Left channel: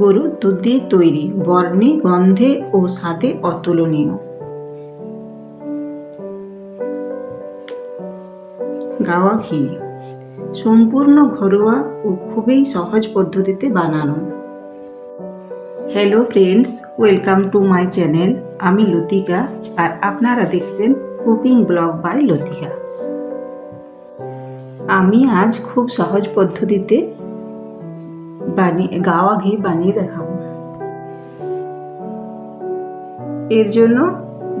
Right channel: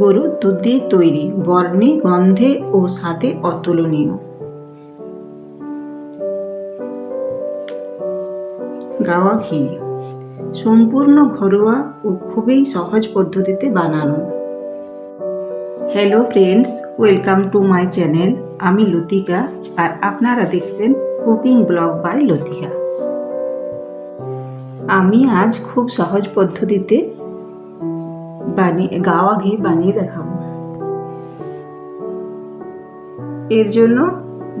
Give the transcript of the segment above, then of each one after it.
গরুর দুধ দিয়ে তৈরি, বর্ণে, গন্ধে ও স্বাদে অতুলনীয়। গাওয়া ঘি সম্পূর্ণ ঘরোয়া ও খুবই সহজ পদ্ধতিতে বানানো। Hello friends, welcome to my channel. আমি লতিকা আর আপনারা দেখছেন কুকিং ব্লগ বাই লতিকা। আমি আজ খুব সহজ পদ্ধতিতে গাওয়া ঘি বানিয়ে দেখাবো। এর জন্য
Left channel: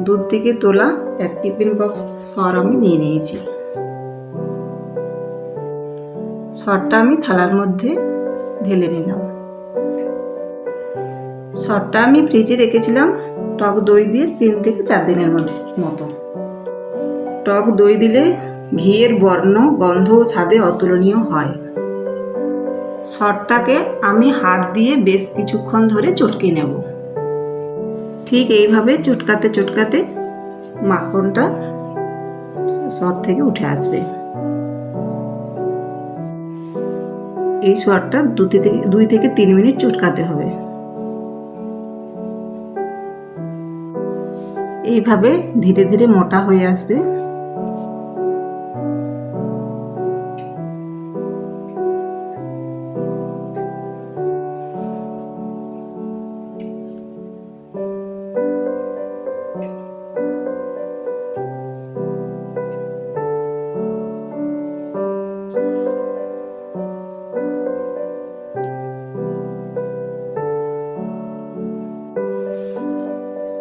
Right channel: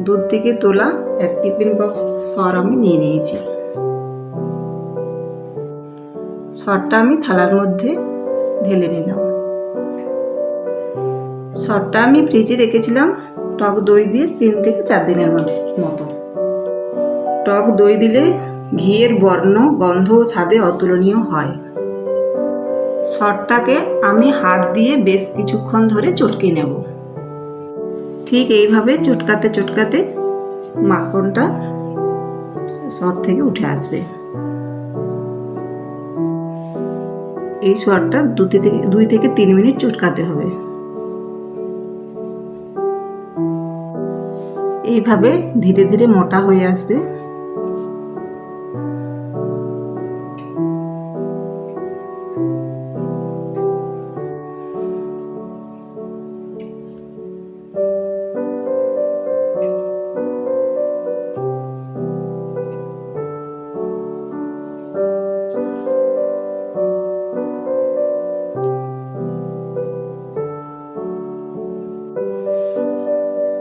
দুধ থেকে তোলা এক টিফিন বক্স সর আমি নিয়ে নিয়েছি। সরটা আমি থালার মধ্যে ঢেলে নিলাম। সরটা আমি ফ্রিজে রেখেছিলাম টক দই দিয়ে 3 থেকে 4 দিনের মতো। টক দই দিলে ঘিয়ের বর্ণ, গন্ধ ও স্বাদে অতুলনীয় হয়। সরটাকে আমি হাত দিয়ে বেশ কিছুক্ষণ ধরে চটকে নেব। ঠিক এইভাবে চটকাতে চটকাতে মাখনটা সর থেকে উঠে আসবে। এই সরটা 2 থেকে 3 মিনিট চটকাতে হবে। এইভাবে ধীরে ধীরে মোটা হয়ে আসবে।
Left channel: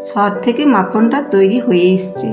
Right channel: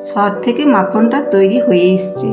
সর থেকে মাখনটা তৈরি হয়ে এসছে।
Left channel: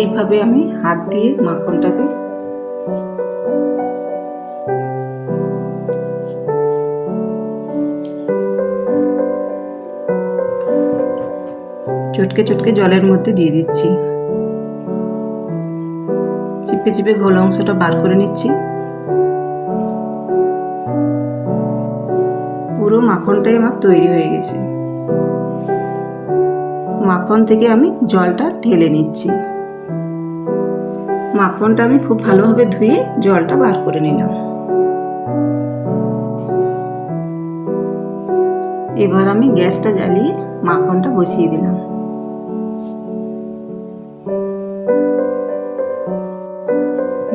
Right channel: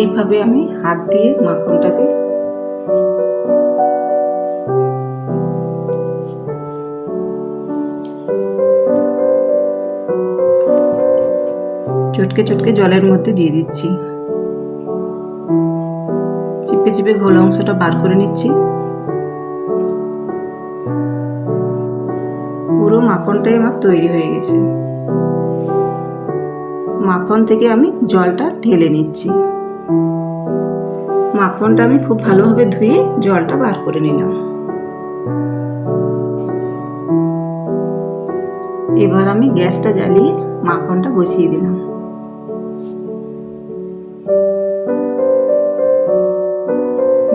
এইভাবে আমি হাত দিয়ে মাখনটাকে চটকে চটকে জলের মধ্যে দিয়ে দিচ্ছি। চিপে চিপে ঘোল অংশটা বার করে নিচ্ছি। পুরো মাখনটাই আমার তৈরি হয়ে গেছে। মাখন থেকে আমি জলটা ঢেলে নিচ্ছি। মাখনটা আমি খুব ভালোভাবে ধুয়ে জলটা বার করে নিলাম। এবার আমি গ্যাসটা জ্বালিয়ে মাখনটা বসিয়ে দিলাম।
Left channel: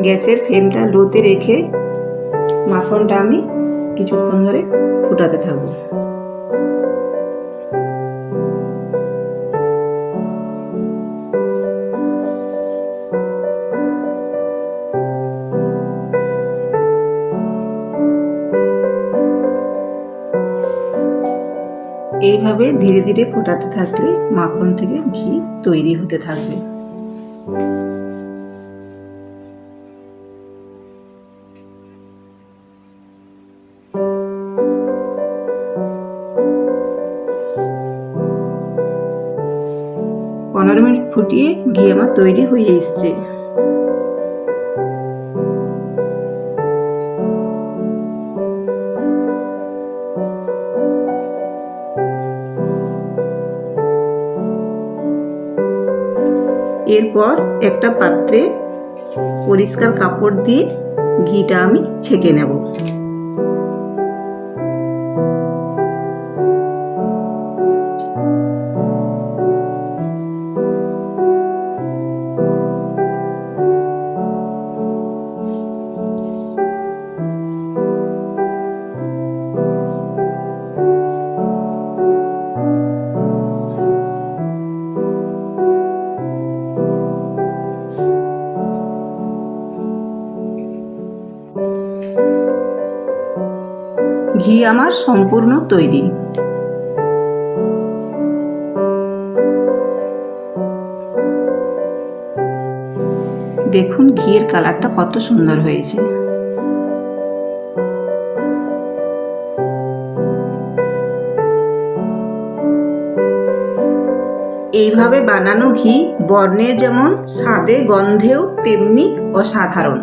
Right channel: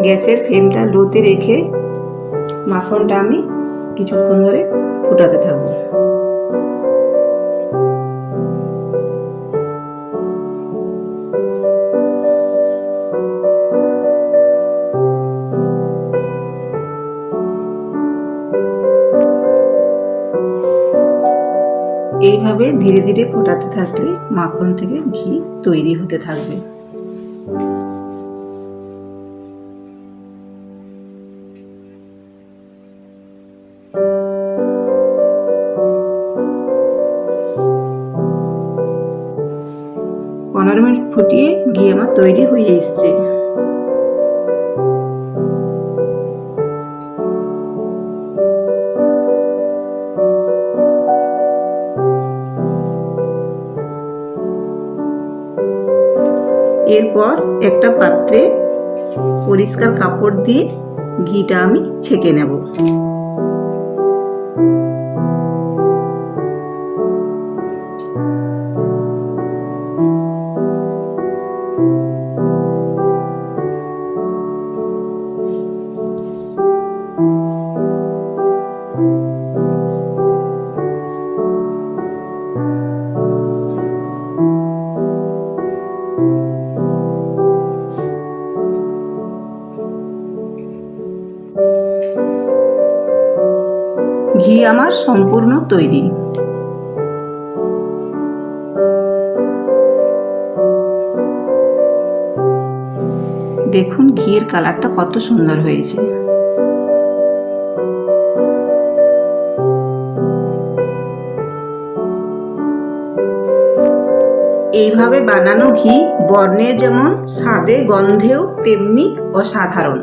গ্যাসের ফ্লেমটা লোতে রেখে মাখনটা আমি কিছুক্ষণ ধরে ফুটাতে থাকবো। এইভাবে ধীরে ধীরে ফোটাতে থাকলে মাখন থেকে ঘি তৈরি হতে থাকবে। পনেরো মিনিট ফুটিয়ে ঘি আমার তৈরি হয়ে এসছে। এরপর একটা পাত্রে পরিষ্কার কাপড় দিয়ে ঘিটা আমি ছেঁকে নেব। ঘি আমার সম্পূর্ণ তৈরি। দেখুন ঘিয়ের কালারটা কত সুন্দর হয়েছে। এইভাবে বানানো ঘি বর্ণে যেমন স্বাদে গন্ধেও তেমনি অসাধারণ।